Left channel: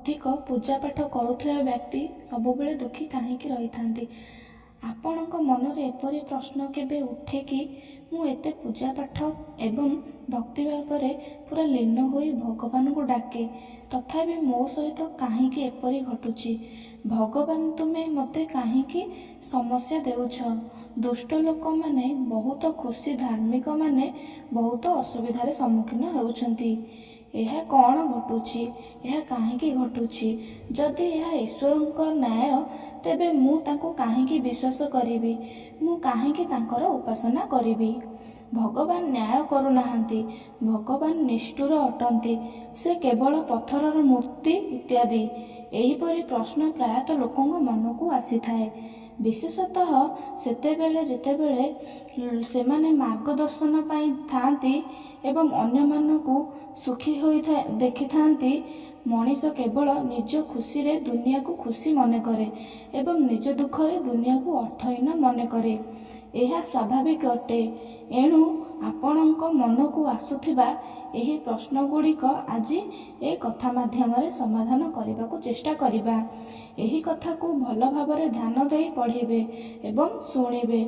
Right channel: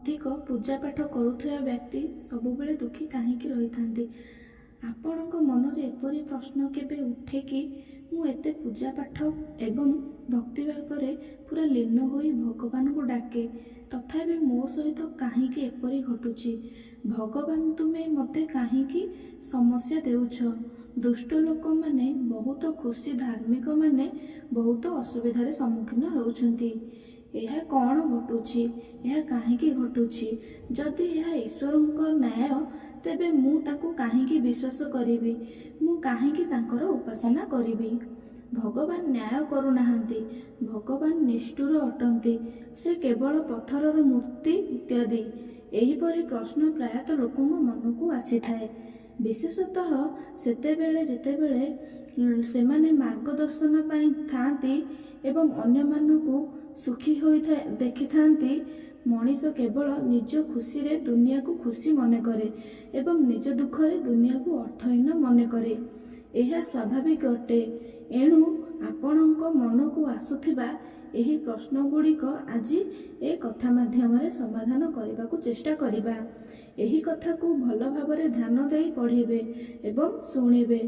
ଅଧିକ ପୂଜାପାଠ କରୁଥିବା ବ୍ୟକ୍ତି ସବୁବେଳେ ଦୁଃଖୀ କାହିଁକି ରହିଥାନ୍ତି? ଆପଣଙ୍କ ମନରେ ଏପରି ପ୍ରଶ୍ନ କେବେ ଉଠେ କି ମୁଁ ଏତେ ପୂଜାପାଠ ଏବଂ ଭକ୍ତି ଭାବରେ ପୁରା ଲୀନ ହୋଇ ଭଗବାନଙ୍କୁ ଡାକେ, ତଥାପି ମୋ ସହିତ କାହିଁକି ଏପରି ଘଟୁଛି? ଭଗବାନ, ତୁମେ ମୋତେ କାହିଁକି ସମସ୍ୟା ଦେଉଛ? ଦୁଷ୍ଟ ଲୋକମାନେ ବହୁତ ଖୁସି, ଧାର୍ମିକମାନେ ବହୁତ ଅସୁବିଧାରେ ସମ୍ମୁଖୀନ ହେଉଛନ୍ତି। ଏହା କ'ଣ ଘଟୁଛି? ଏହା କାହିଁକି ଘଟୁଛି? ଯଦି ଏହା ଈଶ୍ୱରଙ୍କ ନ୍ୟାୟ, ତେବେ ମୁଁ ତାଙ୍କୁ କାହିଁକି ବିଶ୍ୱାସ କରିବି? ମୁଁ କାହିଁକି ତାଙ୍କର ଉପାସନା କରିବି? ଭଗବାନ ନ୍ୟାୟ କରୁନାହାନ୍ତି। ଭଗବାନ ନିଷ୍ଠୁର ଅଟନ୍ତି। ସେ କେବଳ ପଥରର ମୂର୍ତ୍ତି ଇତ୍ୟାଦି। ଏହିପରି ପ୍ରଶ୍ନ ପ୍ରାୟତଃ ଲୋକଙ୍କ ମନକୁ ଆସିଥାଏ, ବିଶେଷତଃ ସେତେବେଳେ ଯେତେବେଳେ ସେମାନେ ମାର୍ଗଦର୍ଶନ ପାଇଁ ଥାଆନ୍ତି ଏବଂ ଅନ୍ୟମାନଙ୍କୁ ସୁଖୀ ଦେଖିଥାନ୍ତି। ମଣିଷ କେବଳ ନିଜ ଖୁସିରେ ଦୁନିଆକୁ ଖୁସି ମନେକରେ ଏବଂ ନିଜ ଦୁଃଖରେ ଦୁନିଆକୁ ଅର୍ଥହୀନ ମନେକରେ। ଏହା ସ୍ୱାଭାବିକ ଅଟେ। ଏଣୁ ଆପଣଙ୍କ ମନକୁ ଆସୁଥିବା ଏହି ପ୍ରଶ୍ନଗୁଡ଼ିକ ଆଜି ଏ କଥା ମାଧ୍ୟମରେ ସମାଧାନ କରିବାକୁ ଚେଷ୍ଟା କରିବା। ଏହି କଥାକୁ ଭଲ ଭାବରେ ଧ୍ୟାନ ଦେଇ ପଢ଼ିବେ ଏବଂ ଶୁଣିବେ।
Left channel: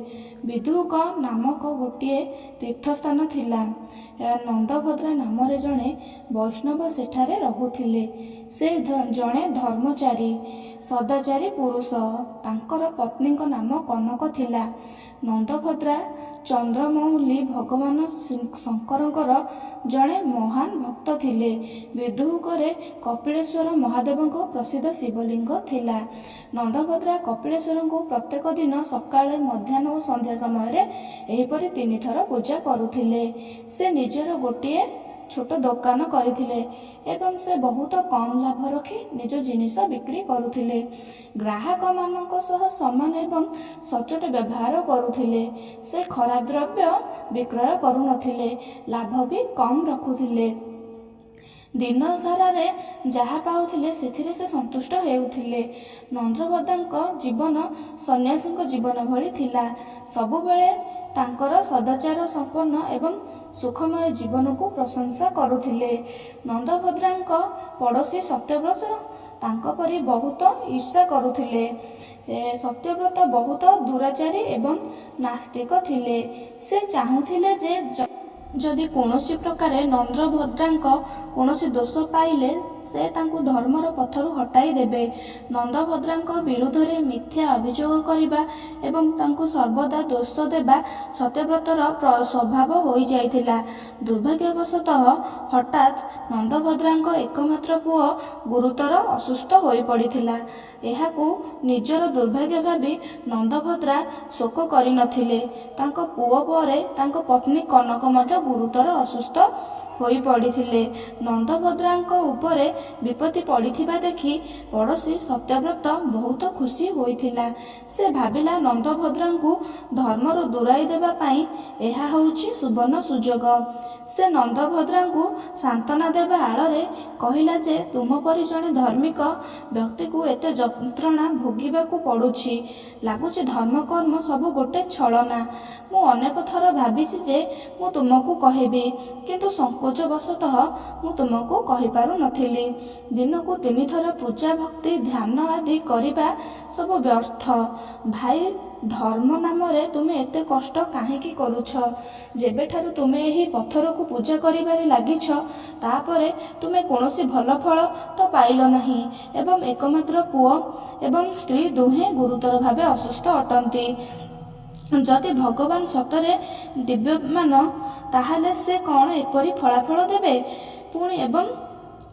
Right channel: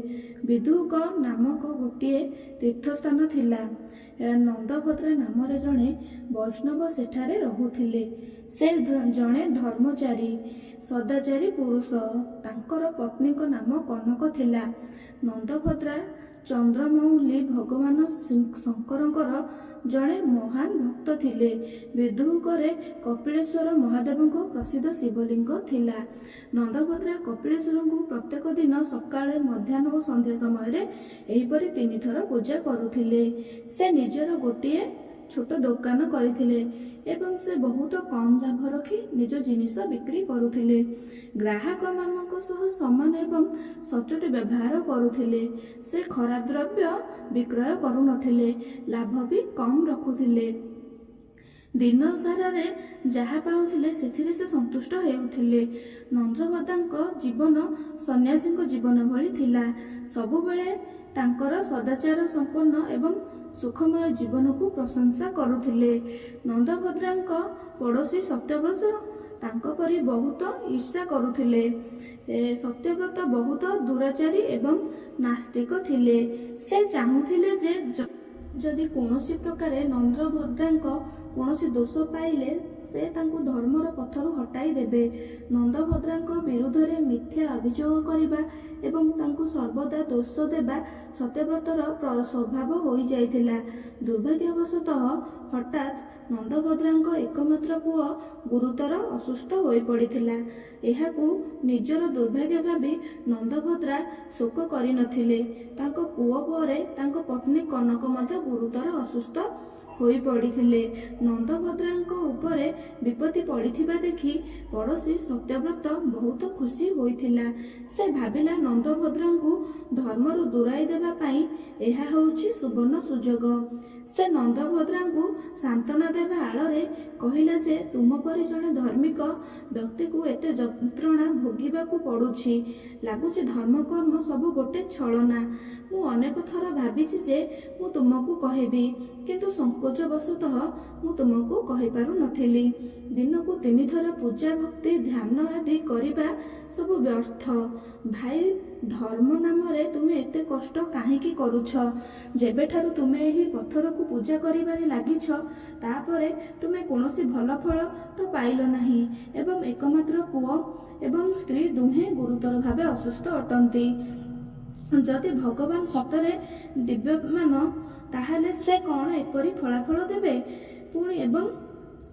ବିଧୁକ ନାମକ ଗୋଟିଏ ତୀର୍ଥସ୍ଥାନ ଥିଲା। ନନ୍ଦଭଦ୍ରା ନାମରେ ଜଣେ ବୈଷ୍ଣବ ସେଠାରେ ରହୁଥିଲେ। ସେ ଜଣେ ଧର୍ମଚାରୀ, ସଦାଚାରୀ ପୁରୁଷ। ତାଙ୍କର ପତ୍ନୀଙ୍କ ନାମ କନକ ଥିଲା। ନନ୍ଦଭଦ୍ରା ଚନ୍ଦ୍ରମୌଲି ଭଗବାନ ଶଙ୍କରଙ୍କର ଜଣେ ମହାନ ଭକ୍ତ ଥିଲେ। ବିଧୁକରେ କପିଳେଶ୍ୱର ମହାଦେବଙ୍କ ପ୍ରସିଦ୍ଧ ଶିବଲିଙ୍ଗ ଥିଲା। ନନ୍ଦଭଦ୍ରା କପିଳେଶ୍ୱରଙ୍କୁ ପ୍ରତ୍ୟେକ ଦିନ ସକାଳେ, ମଧ୍ୟାହ୍ନ ଓ ସନ୍ଧ୍ୟା ସମୟରେ ଏହିପରି 3 ଥର ପୂଜା କରୁଥିଲେ। ସେ ନିଜର ଗୋଟିଏ ଛୋଟ ଦୋକାନ କରିଥିଲେ ଏବଂ ସେ ବହୁତ କମ୍ ଲାଭ ରଖି ନିଜ ଜିନିଷ ବିକ୍ରି କରୁଥିଲେ। ଗ୍ରାହକମାନଙ୍କ ସହ ସମାନ ଏବଂ ସଚ୍ଚୋଟ ବ୍ୟବହାର କରୁଥିଲେ। ସେ ଖରାପ ଦ୍ରବ୍ୟ ବିକ୍ରୟ କରୁନଥିଲେ, ଲାଭ ବି କମ୍ ରଖୁଥିଲେ। ଦିନ ସାରାରେ ଯାହା ପାଉଥିଲେ ସେଥିରେ ସେ ସନ୍ତୁଷ୍ଟ ହେଉଥିଲେ। ନନ୍ଦଭଦ୍ରାଙ୍କ ଜୀବନ ସନ୍ନ୍ୟାସୀଙ୍କ ଜୀବନ ଭଳି ଥିଲା। ସବୁବେଳେ ତାଙ୍କର ସଦାଚାର ସମ୍ପନ୍ନ ଏବଂ ସୁଖମୟ ଜୀବନକୁ ପ୍ରଶଂସା କରୁଥିଲେ। ନନ୍ଦଭଦ୍ରାଙ୍କ ପଡ଼ୋଶୀ ସତ୍ୟବ୍ରତ ତାଙ୍କ ପରି ବହୁତ ଈର୍ଷା କରୁଥିଲେ। ସତ୍ୟବ୍ରତ ବହୁତ ଦୁରାଚାରୀ ଏବଂ ନାସ୍ତିକ ଥିଲେ। ସେ ଚାହୁଁଥିଲେ ଯେ ଯଦି କୌଣସି ପ୍ରକାରେ ନନ୍ଦଭଦ୍ରାଙ୍କ କୌଣସି ଦୋଷ ପାଇଲେ ସେ ତାଙ୍କୁ ଧର୍ମର ପଥରୁ ହଟାଇ ଦେବେ। ନନ୍ଦଭଦ୍ରାଙ୍କ ବିରୁଦ୍ଧରେ ମିଥ୍ୟା ଅଭିଯୋଗ କରିବା ଏବଂ ତାଙ୍କୁ ସର୍ବଦା ଦୋଷ ଦେବା ସତ୍ୟବ୍ରତର ସ୍ୱଭାବ ହୋଇଯାଇଥିଲା। ଦୁର୍ଭାଗ୍ୟବଶତଃ ହଠାତ୍ ନନ୍ଦଭଦ୍ରାଙ୍କ ଏକମାତ୍ର ପୁଅ ଗୁରୁତର ଅସୁସ୍ଥ ହୋଇପଡ଼ିଥିଲା। ଏହାକୁ ନିଜର ଦୁର୍ଭାଗ୍ୟ ଭାବି ନନ୍ଦଭଦ୍ରା ଶୋକ କରିନଥିଲେ। ତାଙ୍କ ପୁଅ ପରେ ତାଙ୍କ ପତ୍ନୀ କନକ ମଧ୍ୟ ଗୁରୁତର ଅସୁସ୍ଥ ହୋଇପଡ଼ିଥିଲେ। ନନ୍ଦଭଦ୍ରାଙ୍କ ଉପରେ ବିପତ୍ତି ପଡ଼ିଥିବା ଦେଖି ପଡ଼ୋଶୀ ସତ୍ୟବ୍ରତ ବହୁତ ଖୁସି ହୋଇଥିଲା। ସେ ଭାବିଲା ନନ୍ଦଭଦ୍ରାଙ୍କୁ ଧର୍ମରୁ ଦୂରାଇ ଦେବା ପାଇଁ ଏହା ହେଉଛି ସୁବର୍ଣ୍ଣ ସୁଯୋଗ। ସେ ନନ୍ଦଭଦ୍ରାଙ୍କୁ ସାନ୍ତ୍ୱନା ଦେବା ଆଳରେ କହିଲା ଯେ ତୁମ ପରି ଜଣେ ଧାର୍ମିକ ବ୍ୟକ୍ତିକୁ ଏତେ ଯନ୍ତ୍ରଣା ଭୋଗିବାକୁ ପଡ଼ୁଛି। ଲାଗୁଛି ଧର୍ମକର୍ମ ସବୁ ଗୋଟେ ଛଳନା। ମୁଁ ଅନେକ ଥର ଭାବିଛି ଯେ ମୁଁ ତୁମକୁ କହିବି, କିନ୍ତୁ ସଂକୋଚବଶତଃ ମୁଁ ତୁମକୁ କହିପାରୁନଥିଲି। ଦିନକୁ 3 ଥର ପୂଜା, ଭକ୍ତି, ଧ୍ୟାନ ଆଦି କରିବା ସବୁ ବ୍ୟର୍ଥ। ଭାଇ, ଧର୍ମ ନାମରେ ତୁମେ ଏତେ କଷ୍ଟ କାହିଁକି କରୁଛ? ଯେବେଠାରୁ ତୁମେ ଏହି ପଥରକୁ ପୂଜା କରିବାରେ ଲାଗିଛ, ତାପରେ ତୁମେ କୌଣସି ଭଲ ଫଳ ତ ପାଇଲ ନାହିଁ ଏବଂ ଏକମାତ୍ର ପୁଅ ଏବଂ ସ୍ତ୍ରୀ ଦୁହେଁ ଗୁରୁତର ଭାବେ ଅସୁସ୍ଥ ଅଟନ୍ତି। ଯଦି ଭଗବାନ ସତରେ ଦିବ୍ୟମାନ, ତାହେଲେ ସେ କ'ଣ ଏପରି ଫଳାଫଳ ଦେବେ?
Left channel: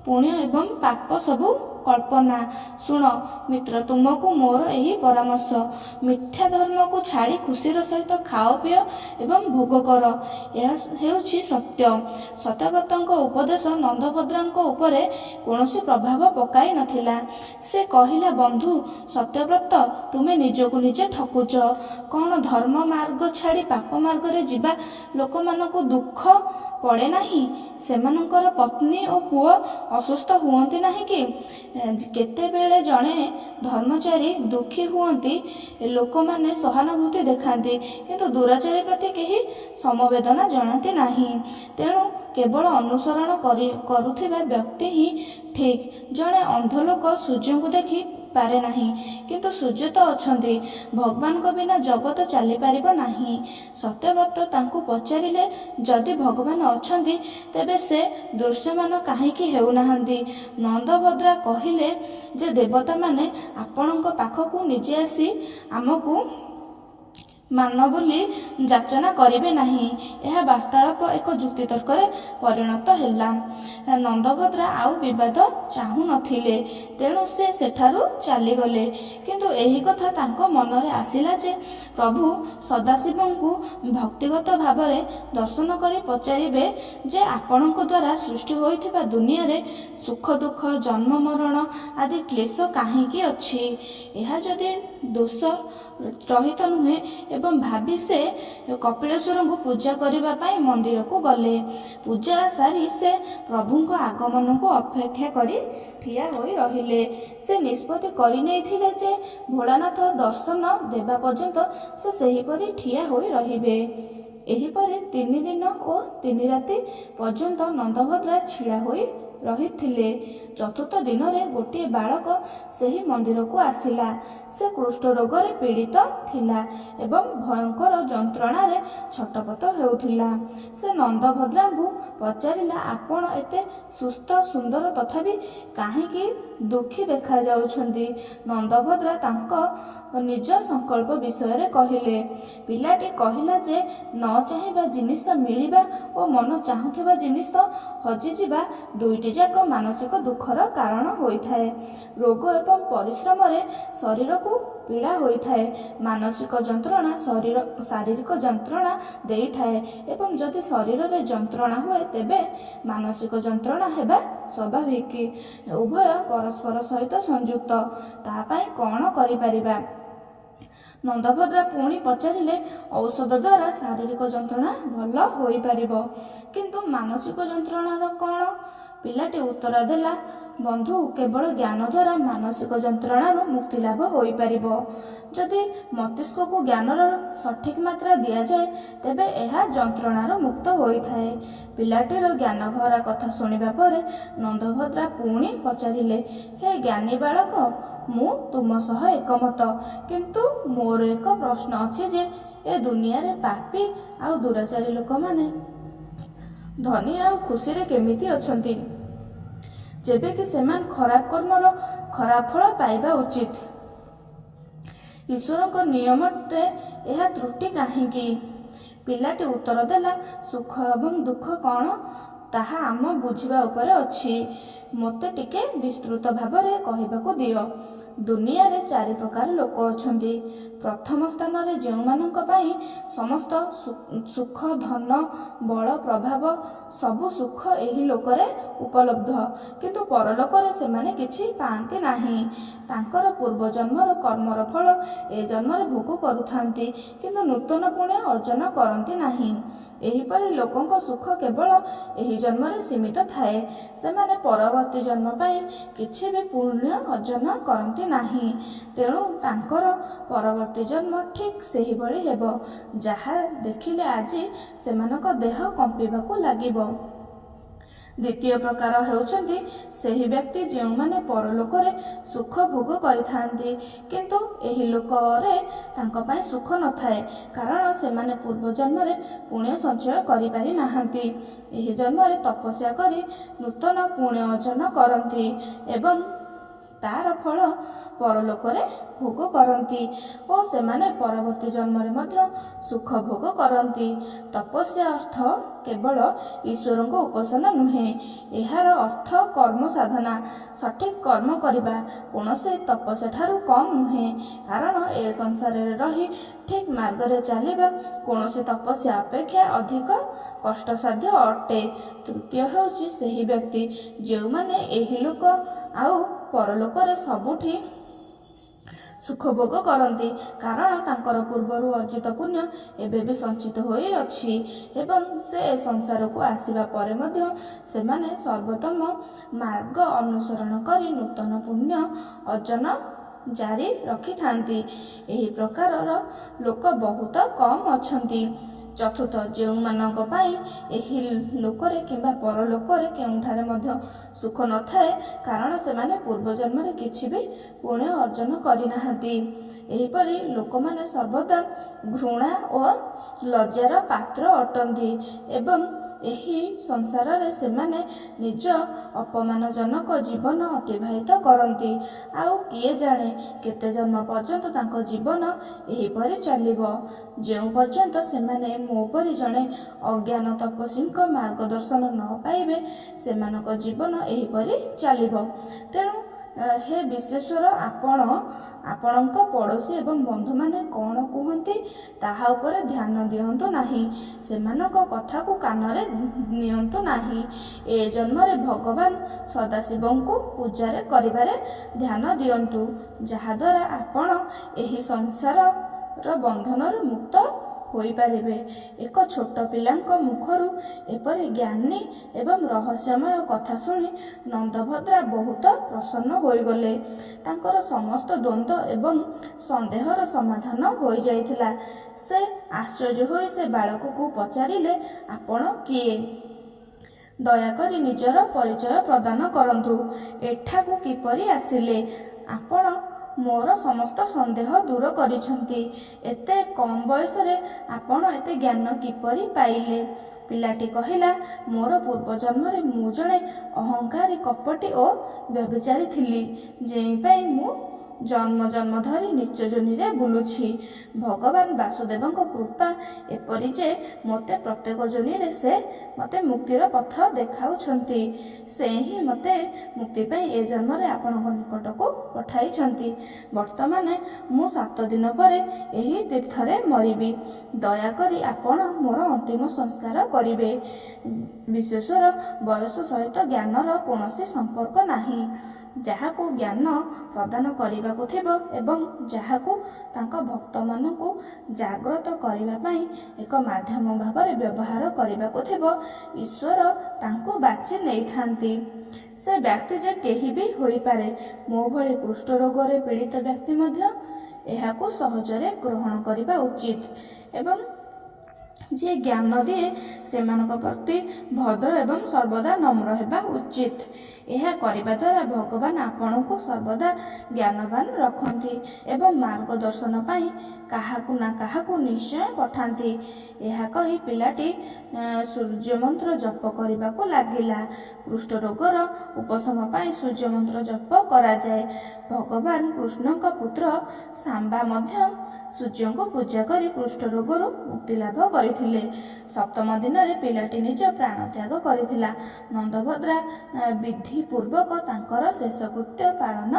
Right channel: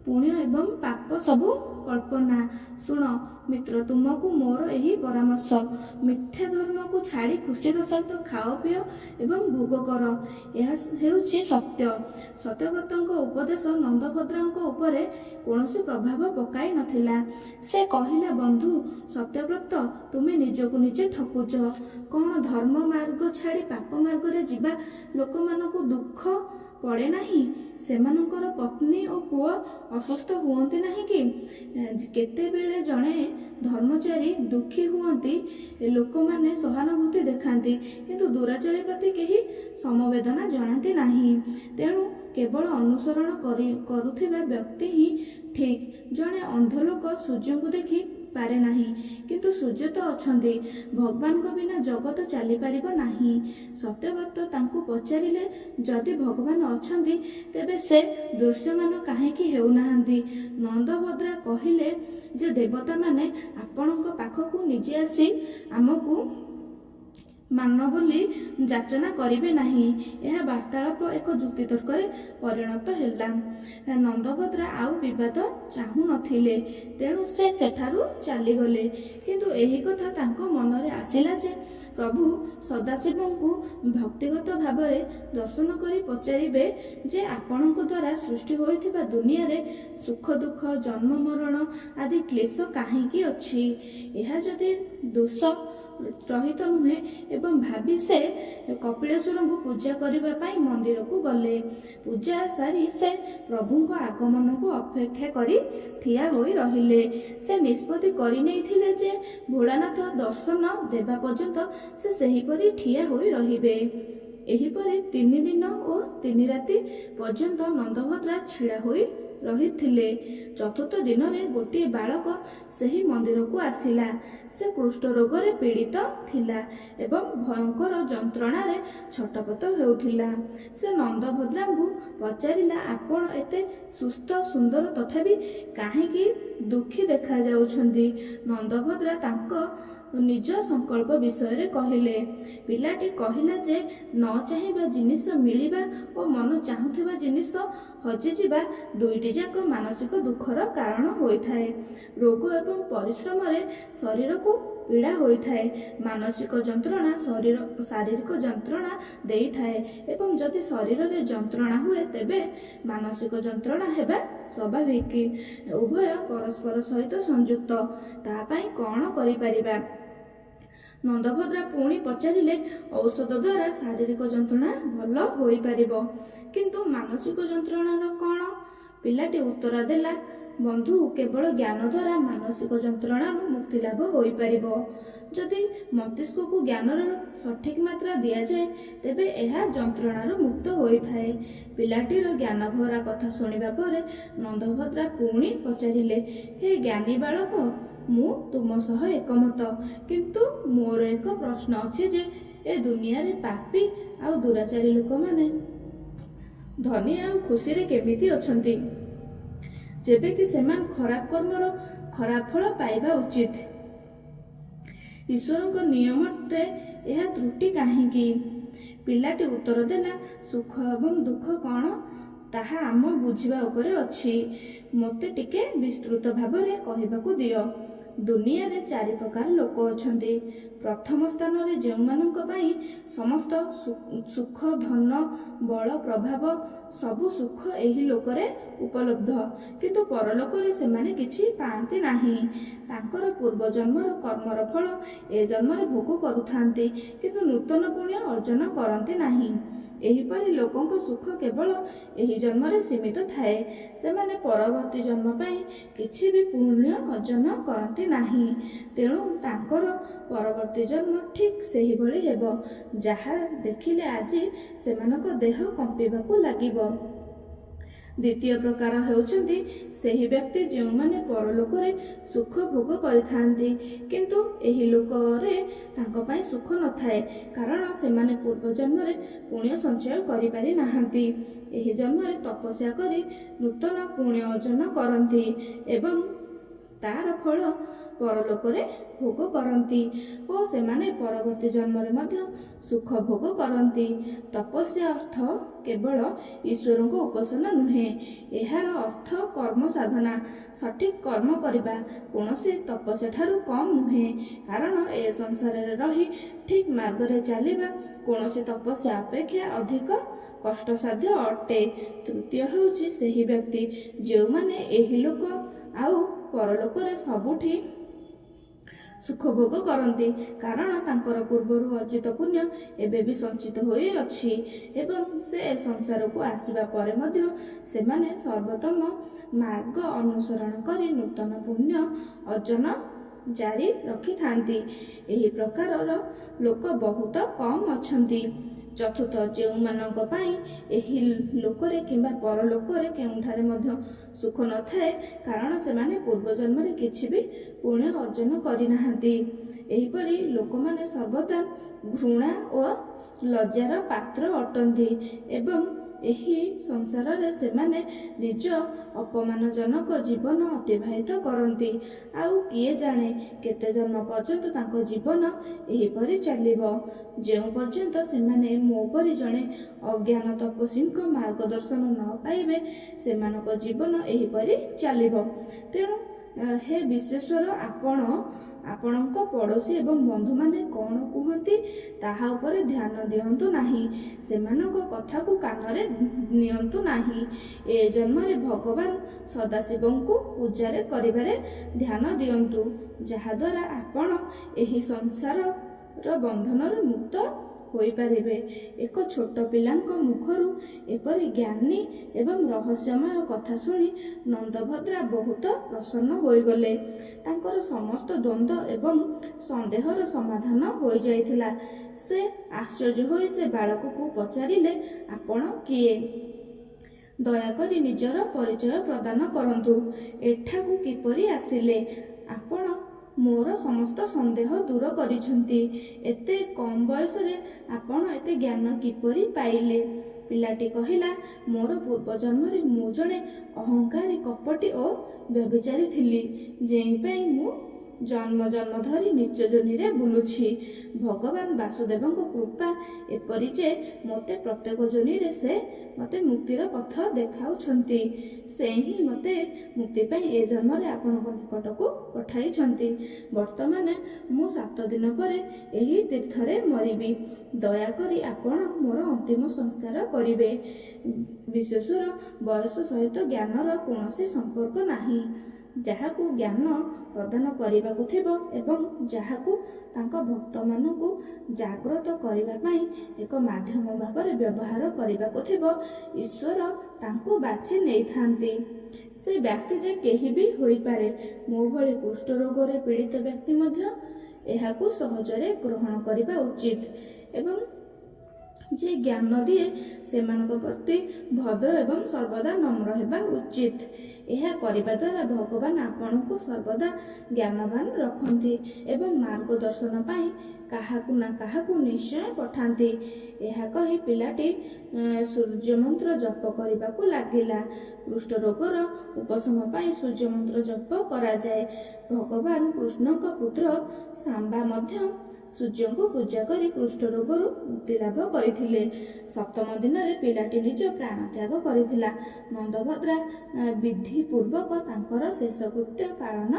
ପୁଣ୍ୟ ଏବଂ ପାପ ସବୁ କଳ୍ପନା। ଶୁଣ ମିତ୍ର, ତୁମକୁ ମୋର ଏହି ପରାମର୍ଶ। ମିଥ୍ୟା ଧର୍ମକୁ ଛାଡ଼ି ଖୁସିର ସହିତ ଖାଅ, ପିଅ ଏବଂ ଭୋଗ କର। ଏହା ହେଉଛି ସତ୍ୟ। ସତ୍ୟବ୍ରତଙ୍କ ଉପଦେଶ ନନ୍ଦଭଦ୍ରାଙ୍କ ଉପରେ କୌଣସି ପ୍ରଭାବ ପକାଇ ନଥିଲା। ସେ କହିଲା, ବନ୍ଧୁ ସତ୍ୟବ୍ରତ, ତୁମେ ନିଜକୁ ନିଜେ ଠକୁଛ। କ'ଣ ଧର୍ମ ମାର୍ଗ ଛାଡ଼ି ପାପ ମାର୍ଗରେ ଯିବା ଲୋକମାନଙ୍କୁ ଦୁଃଖ ପଡ଼େ ନାହିଁ? ସେମାନଙ୍କର ପତ୍ନୀ ଓ ପୁଅ ଅସୁସ୍ଥ ହୁଅନ୍ତି ନାହିଁ କି? କେତେବେଳେ ଜଣେ ଧର୍ମଚାରୀ ଦୁଃଖୀ ହୁଅନ୍ତି, ଲୋକମାନେ ସହାନୁଭୂତି ଦେଖାନ୍ତି, କିନ୍ତୁ ଦୁରାଚାରୀ ପ୍ରତି କେହି ସମବେଦନା ଜଣାନ୍ତି ନାହିଁ। ତେଣୁ କେବଳ ଅନୁସରଣ କରୁଥିବା ବ୍ୟକ୍ତି ହିଁ ଠିକ୍। ଜଣେ ଅନ୍ଧ ଲୋକ ସୂର୍ଯ୍ୟଙ୍କୁ ଦେଖି ପାରେ ନାହିଁ, କିନ୍ତୁ ସୂର୍ଯ୍ୟ ତ ଅଛନ୍ତି। ଭଗବାନଙ୍କ ବିନା ଜଗତ ଚାଲିପାରିବ ନାହିଁ। ସତ୍ୟବ୍ରତ ତାଙ୍କୁ ପଚାରିଲେ, ଯଦି ଭଗବାନ ଅଛନ୍ତି ତେବେ ସେ ଦୃଶ୍ୟମାନ କାହିଁକି ହେଉନାହାନ୍ତି? ନନ୍ଦଭଦ୍ରା କହିଲେ ଯେ ଦେବତାମାନେ ଆପଣଙ୍କ ପାଖକୁ ନିଜେ ଆସି ଆମକୁ ମାନ ବୋଲି ଯାଚନା କରିବେ ନାହିଁ। ଏହା ବାର୍ତ୍ତାଳାପ ଏକ ଯୁକ୍ତିତର୍କରେ ପରିଣତ ହେଲା। ନନ୍ଦଭଦ୍ରା ଆଉ ବିବାଦ ଚାହୁଁନଥିଲେ, ତେଣୁ ସେ ସେଠାରୁ ଚାଲିଗଲେ। କିନ୍ତୁ ଏହି କଥା ତାଙ୍କ ମନରେ ଆସିଲା ଯେ ପ୍ରଭୁ ସଦାଶିବଙ୍କୁ ଭକ୍ତିଗତ ଭାବରେ ଦର୍ଶନ କରି ପଚାରିବେ ଯେ ଆପଣଙ୍କ ଦ୍ୱାରା ସୃଷ୍ଟି ହୋଇଥିବା ଦୁନିଆରେ ସୁଖ ଦୁଃଖ ଜନ୍ମ ମରଣ ଆଦି କ୍ଲେଶ କାହିଁକି ଅଛି? ଏହା ଯଦି ଦୋଷ ରହିତ ନୁହେଁ। ଏବଂ ଭାବି ସେ କପିଳେଶ୍ୱରଙ୍କୁ ପୂଜା କରିବା ପାଇଁ ମନ୍ଦିରକୁ ଗଲେ। ପୂଜା ସାରି ସେ ପ୍ରଭୁଙ୍କ ଆଗମନକୁ ଅପେକ୍ଷା କରି ଠିଆ ହୋଇ ରହିଲେ। ସେ ନିଷ୍ପତ୍ତି କରିନେଇଥିଲେ ଯେ ଭୋଳାନାଥ ଦର୍ଶନ ଦେବା ପର୍ଯ୍ୟନ୍ତ ସେ ସେହିପରି ଠିଆ ହୋଇ ରହିବେ। ଏହିପରି 3 ଦିନ ଓ 3 ରାତି ପର୍ଯ୍ୟନ୍ତ ନନ୍ଦଭଦ୍ରା ଛିଡ଼ା ହୋଇ ରହିଥିଲେ। ଚତୁର୍ଥ ଦିନରେ ଗୋଟିଏ ବାଳକ ସେହି ମନ୍ଦିରକୁ ଆସିଲା। ସେ କୁଷ୍ଠ ରୋଗରେ ପୀଡ଼ିତ ଥିଲା ଏବଂ ଭୟଙ୍କର ଯନ୍ତ୍ରଣାରେ ଛଟପଟ ହେଉଥିଲା। ସେ ନନ୍ଦଭଦ୍ରାଙ୍କୁ ପଚାରିଲା, ଆପଣ ଏତେ ସୁସ୍ଥ ସୁନ୍ଦର ତଥାପି କାହିଁକି ଦୁଃଖୀ ଦେଖାଯାଉଛନ୍ତି? ନନ୍ଦଭଦ୍ରା ତାଙ୍କ ନିଜ ସଂକଳ୍ପ ବିଷୟରେ କହିଲେ। ପିଲାଟି କହିଲା ଯେ ନ ଚାହିଁବା ଜିନିଷ ମିଳିବା ଓ ମନ ଚାହୁଁଥିବା ଜିନିଷ ହଜିଯିବା ଦୁଇଟି ଯାକ ମାନସିକ ଦୁଃଖର କାରଣ ହୋଇଥାଏ। ରୋଗ ଏବଂ ପରିଶ୍ରମରେ ଶରୀରକୁ ପୀଡ଼ା ହୋଇଥାଏ। ମାନସିକ ଯନ୍ତ୍ରଣା ଶାରୀରିକ ଯନ୍ତ୍ରଣା ଦେଇଥାଏ ଏବଂ ଯଦି ଶରୀରରେ ଯନ୍ତ୍ରଣା ହୁଏ ତେବେ ମାନସିକ ଯନ୍ତ୍ରଣା ହେବା ସ୍ୱାଭାବିକ। ଉଭୟ ପରସ୍ପର ସହିତ ସଂଯୁକ୍ତ। ତା ପାଇଁ କ'ଣ କରିପାରିବା? ନନ୍ଦଭଦ୍ରା ପୁଣି ପଚାରିଲେ, ଔଷଧ ଦ୍ୱାରା ଶାରୀରିକ ଯନ୍ତ୍ରଣା ଭଲ ହୋଇପାରିବ, କିନ୍ତୁ ମାନସିକ ଯନ୍ତ୍ରଣାର କ'ଣ? ପିଲାଟି ଉତ୍ତର ଦେଲା, ବନ୍ଧୁ, କେବଳ ଜ୍ଞାନ ଦ୍ୱାରା ମାନସିକ ଯନ୍ତ୍ରଣାରୁ ମୁକ୍ତି ଲାଭ ହୋଇପାରିବ। ଯଦି ମସ୍ତିଷ୍କକୁ ଜ୍ଞାନର ସଠିକ୍ ମାତ୍ରା ଦିଆଯାଏ ତେବେ ଏହା ଯନ୍ତ୍ରଣାରୁ ମୁକ୍ତ ହୋଇଥାଏ। ପିଲାଟିର ଜ୍ଞାନଭରା କଥା ଶୁଣିବା ପରେ ନନ୍ଦଭଦ୍ରା ପୁଣି ପଚାରିଲେ, ହେ ଜ୍ଞାନୀ ବାଳକ, ମୁଁ ତୁମ ସହ ଏକମତ, କିନ୍ତୁ ମୋର ଏକ ପ୍ରଶ୍ନ ଅଛି ଯେ ଏ ଦୁନିଆରେ ପାପୀ ଆଉ ଦୁରାଚାରୀ ଲୋକମାନେ ଧନୀ ଆଉ ଖୁସିରେ କେମିତି ଅଛନ୍ତି, ଯେବେକି ସେମାନେ ଖରାପ କର୍ମର ଖରାପ ଫଳ ପାଇବା ଉଚିତ? ଈଶ୍ୱରଙ୍କ ନିୟମରେ ଏହା ତ୍ରୁଟି କାହିଁକି? ପିଲାଟି ଉତ୍ତର ଦେଲା, ସୁଖ ଏବଂ ଦୁଃଖ କ'ଣ ତାହା ଆମ ବୁଝିବା ଉପରେ ଅଛି। ମୋତେ ଟିକେ ବିସ୍ତୃତ ଭାବରେ କହିବାକୁ ଦିଅ। ଦୁନିଆରେ 4 ପ୍ରକାର ଲୋକ ଅଛନ୍ତି। ପ୍ରଥମ ସ୍ଥାନରେ ଯେଉଁମାନଙ୍କ ପାଇଁ ସମସ୍ତ ସୁଖ, ଧନ, ବଳ, ପ୍ରଭାବ ସବୁ ସୁଖ ଏହି ଲୋକରେ ଉପଲବ୍ଧ, କିନ୍ତୁ ପରଲୋକରେ ସେମାନେ କିଛି ପାଆନ୍ତି ନାହିଁ। ତାଙ୍କର ପୂର୍ବଜନ୍ମର କର୍ମର ଫଳ ଏ ଜନ୍ମରେ ଭୋଗ କରୁଥାନ୍ତି, କିନ୍ତୁ ନୂତନ ପୁଣ୍ୟ ଅର୍ଜନ କରନ୍ତି ନାହିଁ। ଏହିପରି ଲୋକଙ୍କ ସୁଖ କେବଳ ଏହି ଜନ୍ମରେ ସୀମିତ ଥାଏ। ସେମାନେ ପରବର୍ତ୍ତୀ ଜନ୍ମ ପାଇଁ କିଛି ବି ପୁଣ୍ୟ ଅର୍ଜନ କରନ୍ତି ନାହିଁ। ତେଣୁ ତାଙ୍କର ପରବର୍ତ୍ତୀ ଜନ୍ମ ଠିକ୍ ସେହିଭଳି ହେବ, ଯାହା ଦେଖିଲେ ଆଜି ସେମାନଙ୍କ ଦେହ କମ୍ପିବାକୁ ଲାଗିବ। ଦ୍ୱିତୀୟ ପ୍ରକାର ହେଉଛନ୍ତି ସେହି ବ୍ୟକ୍ତି ଯେଉଁମାନେ ପରଲୋକରେ ସୁଖ ଭୋଗ କରିଥାନ୍ତି, କିନ୍ତୁ ଏହି ଲୋକରେ ତାଙ୍କ ପାଇଁ ସୁଖ ନଥାଏ, କାରଣ ସେମାନେ ପୂର୍ବ ଜନ୍ମରେ ପୁଣ୍ୟ ସଞ୍ଚୟ କରିପାରି ନାହାନ୍ତି। ଏହି ଜନ୍ମରେ ତପସ୍ୟା କରି ନୂତନ ପୁଣ୍ୟ ଅର୍ଜନ କରନ୍ତି ଏବଂ ତାର ଫଳ ପରଲୋକରେ ଭୋଗ କରନ୍ତି ଓ ସେମାନେ ପରବର୍ତ୍ତୀ ଜନ୍ମରେ ମଧ୍ୟ ସୁଖ ଭୋଗ କରନ୍ତି। ତପସ୍ୟା ଅର୍ଥ କେବଳ ଈଶ୍ୱରଙ୍କ ଉପାସନା ନୁହେଁ, ଏହାର ଅର୍ଥ କର୍ମ ସାଧନା। ସଠିକ୍ କର୍ମ କରିବା କୌଣସି ତପସ୍ୟା ଠାରୁ କମ୍ ନୁହେଁ, କାରଣ ଏ ସଂସାରରେ ରହି ଠିକ୍ ମାର୍ଗରେ ଚାଲିବା କୌଣସି ତପସ୍ୟା ଅପେକ୍ଷା ଅଧିକ କଷ୍ଟସାଧ୍ୟ ଅଟେ। ତୃତୀୟ ହେଉଛି ସେହି ବ୍ୟକ୍ତି ଯେଉଁମାନେ ଏହି ଲୋକ ଆଉ ପରଲୋକରେ ସବୁଠି ସୁଖ ଭୋଗ କରନ୍ତି, କାରଣ ତାଙ୍କର ପୂର୍ବରୁ ଅର୍ଜିତ ପୁଣ୍ୟ ଏବେ ବି ସଞ୍ଚିତ ହୋଇଅଛି ଏବଂ ସେ ସଂସାରକୁ ଆସିବା ପରେ ମଧ୍ୟ ସେମାନେ ସର୍ବୋତ୍ତମ ମାର୍ଗ ଅନୁସରଣ କରି ନୂତନ ପୁଣ୍ୟ ଅର୍ଜନ ଜାରି ରଖିଥାନ୍ତି। ଏହି ପ୍ରକାରର ଲୋକ ବହୁତ କମ୍ ଅଛନ୍ତି। ଚତୁର୍ଥ, ଯେଉଁମାନଙ୍କ ପାଇଁ ଏହି ଲୋକରେ କିମ୍ବା ପରଲୋକରେ କେଉଁଠାରେ ମଧ୍ୟ ସୁଖ ନଥାଏ, କାରଣ ସେମାନେ ପୂର୍ବଜନ୍ମରେ କିଛି ବି ପୁଣ୍ୟ ଅର୍ଜନ କରିନାହାନ୍ତି। ଏହିପରି ଲୋକମାନେ ସର୍ବଦା ଘୃଣା ଓ ଲଜ୍ଜାର ପାତ୍ର ଅଟନ୍ତି ଏବଂ ଏହି ସଂସାରରେ ସେମାନେ ନିଜ ଅପମାନଜନକ ଜୀବନ ଅତିବାହିତ କରନ୍ତି। ଆଉ କିଏ ଜାଣେ କେତେ ଜନ୍ମ ପର୍ଯ୍ୟନ୍ତ ତାଙ୍କ ଜୀବନ ଏହିପରି ଚାଲିବ। ଯେଉଁ ପର୍ଯ୍ୟନ୍ତ ସେମାନେ ମୋ ପରି ଜଣେ ଅଜ୍ଞାନ ତପସ୍ୱୀଙ୍କ ମାର୍ଗଦର୍ଶନ ନ ପାଇବେ, ସେମାନଙ୍କ ଜୀବନ ଏହିପରି ଚାଲିବ। ତେଣୁ ହେ ବିଶ୍ଵେଶ୍ୱର, ଆପଣ ଆପଣଙ୍କ ପଡ଼ୋଶୀ ଏବଂ ବନ୍ଧୁମାନେ କ'ଣ କୁହନ୍ତି ତାହା ଉପରେ ଧ୍ୟାନ ଦିଅନ୍ତୁ ନାହିଁ। ସେମାନଙ୍କ କଥାକୁ କାନରେ ନିଅନ୍ତୁ ନାହିଁ। ଏ ଜନ୍ମରେ ଭଗବାନ ସଦାଶିବଙ୍କୁ ପୂଜାରେ କରିବାରେ ଧ୍ୟାନ ଦିଅନ୍ତୁ, ଯାହାଦ୍ୱାରା ଆପଣ ଏହି ସଂସାରର ବନ୍ଧନରୁ ମୁକ୍ତ ହୋଇପାରିବେ। ଏକ ଛୋଟ ପିଲାଙ୍କ ମୁଖରୁ ଏପରି ଜ୍ଞାନୀ ଏବଂ ରହସ୍ୟମୟ କଥା ଶୁଣି ନନ୍ଦଭଦ୍ରା ବହୁତ ପ୍ରସନ୍ନ ହୋଇଗଲେ। ତାଙ୍କର ସମସ୍ତ ଦ୍ୱନ୍ଦ୍ୱ ଏବଂ ସନ୍ଦେହର ସମାଧାନ ହୋଇଯାଇଥିଲା। ସେ ଆଶ୍ଚର୍ଯ୍ୟ ହୋଇ ସେ ବାଳକକୁ ପଚାରିଲେ, ଆପଣ କିଏ? ଦୟାକରି ନିଜର ପରିଚୟ ପ୍ରଦାନ କରନ୍ତୁ। ଏଠାକୁ କିପରି ଆସିଲେ? ଆପଣ ମୋର ସମସ୍ତ ସନ୍ଦେହ ଦୂର କରିଛନ୍ତି। ଏତେ କମ୍ ବୟସରେ ଆପଣ ଏତେ ଜ୍ଞାନ କିପରି ପାଇଲେ? ପିଲାଟି କହିଲା, ମୋର ପୂର୍ବଜନ୍ମରେ ମୁଁ ଜଣେ ଅହଙ୍କାରୀ, କପଟୀ ଓ ବ୍ୟଭିଚାରୀ ଥିଲି, ଯେଉଁପାଇଁ ମୁଁ ଜନ୍ମ ଜନ୍ମ ଧରି ନୀଚ ଯୋନିରେ ବୁଲୁଛି। ଭଗବାନ ବାସୁଦେବଙ୍କ କୃପା ଏପରି ଯେ ମୋତେ ପ୍ରତ୍ୟେକ ଯୋନିରେ ସେ ମୋତେ ମୁକ୍ତିର ପଥ ଦେଖାଉଛନ୍ତି। ସେ ହିଁ ମୋତେ ମୁକ୍ତି ପାଇଁ ଏ ଜନ୍ମରେ ଆପଣଙ୍କ ନିକଟକୁ ପଠାଇଛନ୍ତି। ବର୍ତ୍ତମାନ ମୁଁ 7 ଦିନ ପରେ ଏହି ତୀର୍ଥରେ ମରିବି। ଦୟାକରି ଆପଣ ମୋର ଅନ୍ତିମ ସଂସ୍କାର କରିବେ। ବିଶ୍ଵେଶ୍ୱର, ବୟସ ସହିତ ଜ୍ଞାନର କୌଣସି ସମ୍ପର୍କ ନାହିଁ। ଯାହାକୁ ଜ୍ଞାନ ପ୍ରଦାନ କରିବାକୁ ଥିବ ଏବଂ ଯାହାକୁ ତାଙ୍କ ଭକ୍ତମାନଙ୍କୁ ଜାଗ୍ରତ କରିବା ପାଇଁ ଏକ ମାଧ୍ୟମ ଭାବରେ ବ୍ୟବହାର କରିବାକୁ ଥିବ, ଈଶ୍ୱର ତାଙ୍କୁ ବାଛି ନେଇଥାନ୍ତି। ସେ ବ୍ୟକ୍ତି ଯେ କେହି ବି ହୋଇପାରେ। ମୋ ଭଳି କୁଷ୍ଠ ରୋଗରେ ପୀଡ଼ିତ ବ୍ୟକ୍ତି ମଧ୍ୟ ଏହାକୁ ସହଜରେ ଗ୍ରହଣ କରିବା ଉଚିତ ଏବଂ ଯିଏ ଜ୍ଞାନ ଦିଏ ସେମାନଙ୍କ ପ୍ରତି ଭଦ୍ର ଏବଂ ସର୍ବଦା ନମ୍ର ହେବା ଉଚିତ। ଏହା କରିବା ଦ୍ୱାରା ଭଗବାନ ଆପଣଙ୍କୁ ସର୍ବଦା ଜ୍ଞାନବାନ ରଖନ୍ତି ଏବଂ ମାର୍ଗଦର୍ଶନ ପାଇଁ କାହାକୁ ନା କାହାକୁ ନିଶ୍ଚୟ ପଠାନ୍ତି। ଏହା କହି ପିଲାଟି ସୂର୍ଯ୍ୟମନ୍ତ୍ର ଜପ କରିବାକୁ ଲାଗିଲା। କୁଷ୍ଠ ରୋଗର ଉପଶମ ପାଇଁ ସୂର୍ଯ୍ୟମନ୍ତ୍ର ଜପ କରାଯାଏ। ଭଗବାନ କୃଷ୍ଣଙ୍କ ପୁତ୍ର ଶାମ୍ବା ମଧ୍ୟ ସୂର୍ଯ୍ୟଙ୍କୁ ପୂଜା କରି କୁଷ୍ଠ ରୋଗରୁ ମୁକ୍ତି ଲାଭ କରିଥିଲେ। 7ମ ଦିନରେ ପିଲାଟି ନିଜ ପ୍ରାଣ ତ୍ୟାଗ କରିଥିଲା। ନନ୍ଦଭଦ୍ରା ବିଧିପୂର୍ବକ ତାଙ୍କର ଶେଷକୃତ୍ୟ ପାଳନ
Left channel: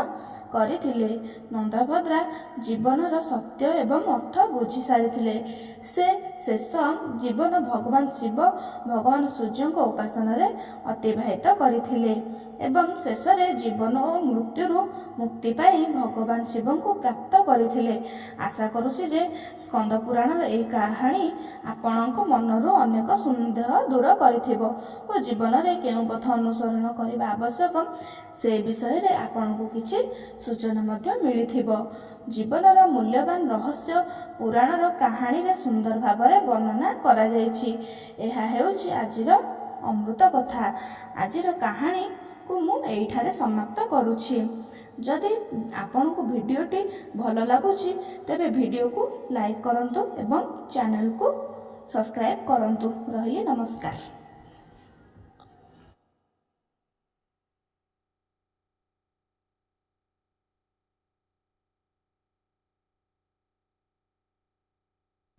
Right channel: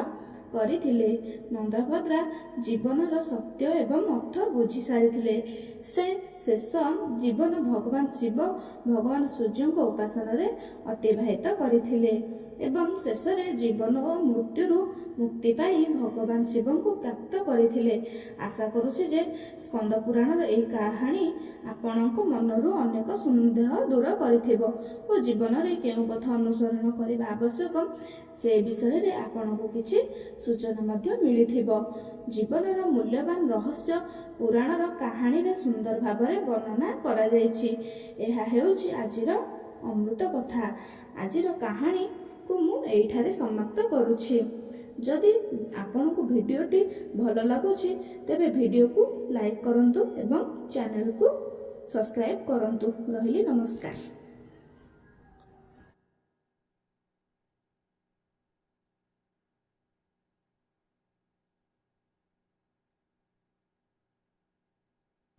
କରିଥିଲେ। ନନ୍ଦଭଦ୍ରା ଜୀବନର ସତ୍ୟ ଏବଂ ଅର୍ଥ ବୁଝି ସାରିଥିଲେ। ସେ ଶେଷ ଜୀବନ ଭଗବାନ ଶିବ, ଭଗବାନ ସୂର୍ଯ୍ୟଙ୍କ ଉପାସନାରେ ଅତିବାହିତ କରିଥିଲେ ଏବଂ ଶେଷରେ ଜୀବନ ଓ ମୃତ୍ୟୁରୁ ମୁକ୍ତି ପାଇ ଭଗବାନ ଶିବଙ୍କୁ ପ୍ରାପ୍ତ କରିଥିଲେ। ଆଶା କରୁଛି ଯେ ସ୍କନ୍ଦ ପୁରାଣର ଏହି କାହାଣୀ ଆପଣଙ୍କ ମନରୁ ଅନେକ ସନ୍ଦେହ ଦୂର କରିଥିବ ଓ ଜୀବନରେ କେଉଁ ପଥ ଅନୁସରଣ କରିବା ଆବଶ୍ୟକ ସେ ବିଷୟରେ ଆପଣଙ୍କୁ କିଛି ସୂଚନା ମଧ୍ୟ ମିଳିଥିବ। ଜୀବନର ମୂଲ୍ୟବାନ ରହସ୍ୟ ପୁରାଣର କାହାଣୀରେ ସୁନ୍ଦର ଭାବରେ ବର୍ଣ୍ଣନା କରାଯାଇଛି। ଏହା ହେଉଛି ଆଜିର ଅମୃତ କଥା। ଆଜିର କାହାଣୀକୁ ମୁଁ ଏଇଠାରେ ସମାପ୍ତ କରୁଛି। ଯଦି ଆପଣଙ୍କୁ ଭିଡ଼ିଓଟି ଭଲ ଲାଗୁଛି ତେବେ ଭିଡ଼ିଓକୁ ଲାଇକ୍ କରନ୍ତୁ ଏବଂ ଚ୍ୟାନେଲକୁ ସବସ୍କ୍ରାଇବ୍ କରନ୍ତୁ। ରହିଲି, ନମସ୍କାର।